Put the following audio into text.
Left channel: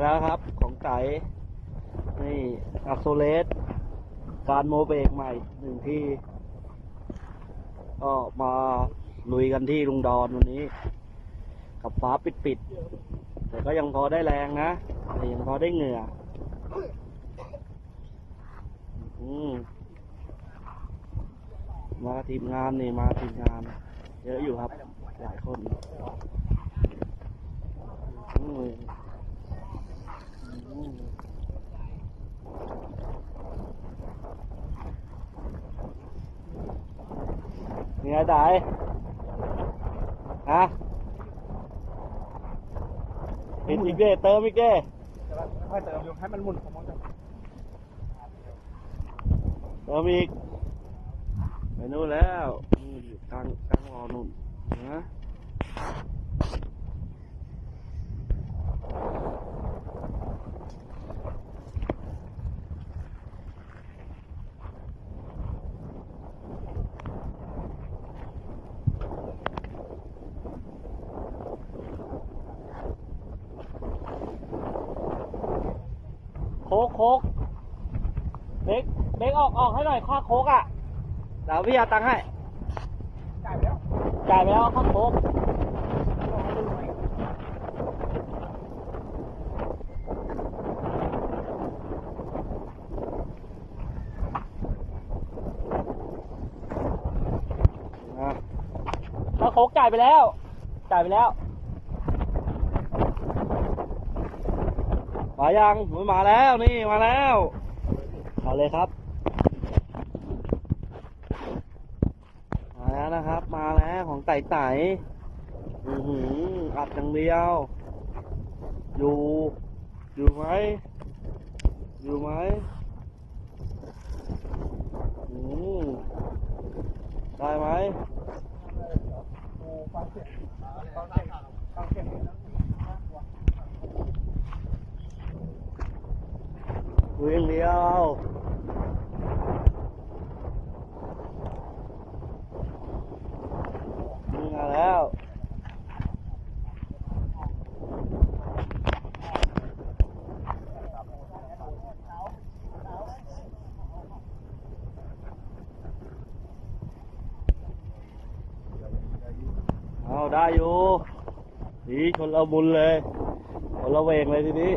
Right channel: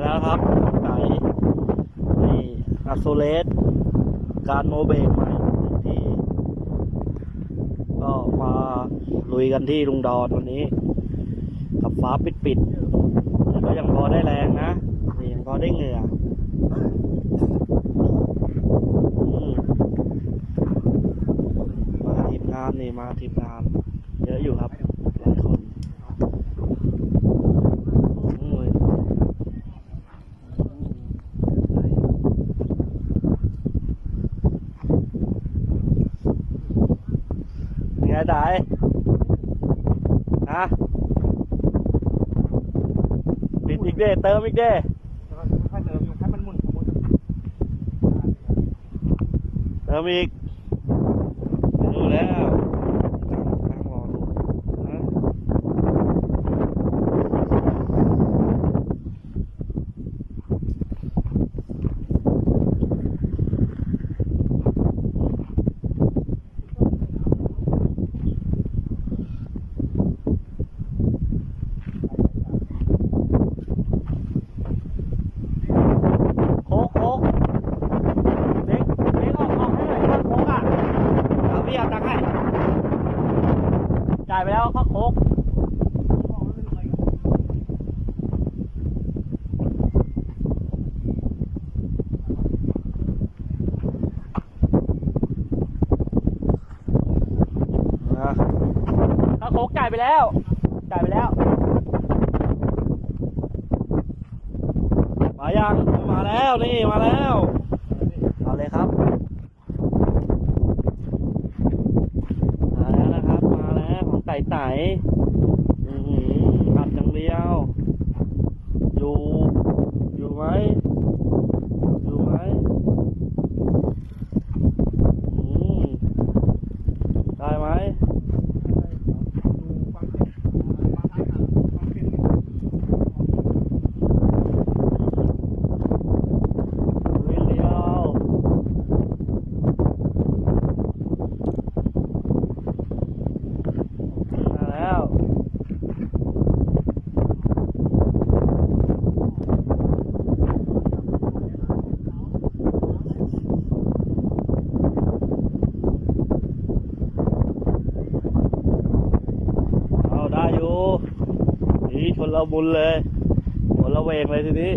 แล้วครับของไก่นี่อัโซเลสการโมเบกใหม่หนึ่งที่ ก็มาลุยกันที่ลุงดอนวันนี้ กับฟ้าปิดปิดๆแต่ก็ยังพอได้แรงนะนี่ยังพอได้เหงื่อมาทีมงานนี่มาทีมงาน เยอะอยู่ครับหลายคนอืมอืมเป็น ไงไดฮะปิดอีกเด้เติมอีกเด้ค่อยเติมอยู่ให้มันหมุนของมันเติมอีกไม่รู้แล้วกลางกลางรอดูฮะโค้กโค้กเล็กเล็กออกออกให้หน่อยข้างโค้กอะเดี๋ยว พี่เอาตังค์ให้ จ่ายไปแล้วข้างโค้กนะข้างโค้กจ่ายไปแล้ว จ่ายไปแล้ว มายัง มาแล้วนี่มาแล้ว เอาเลยครับมาแล้วนะครับ มา ใสๆอืออัดอย่างเดียว อยู่ อยู่ไหม อยู่ไหมอืมได้ไหมเวียนเดียวมาแล้ว เอาได้อยู่อีคนเราบุญเลยคนเราเวงเลยทีนี้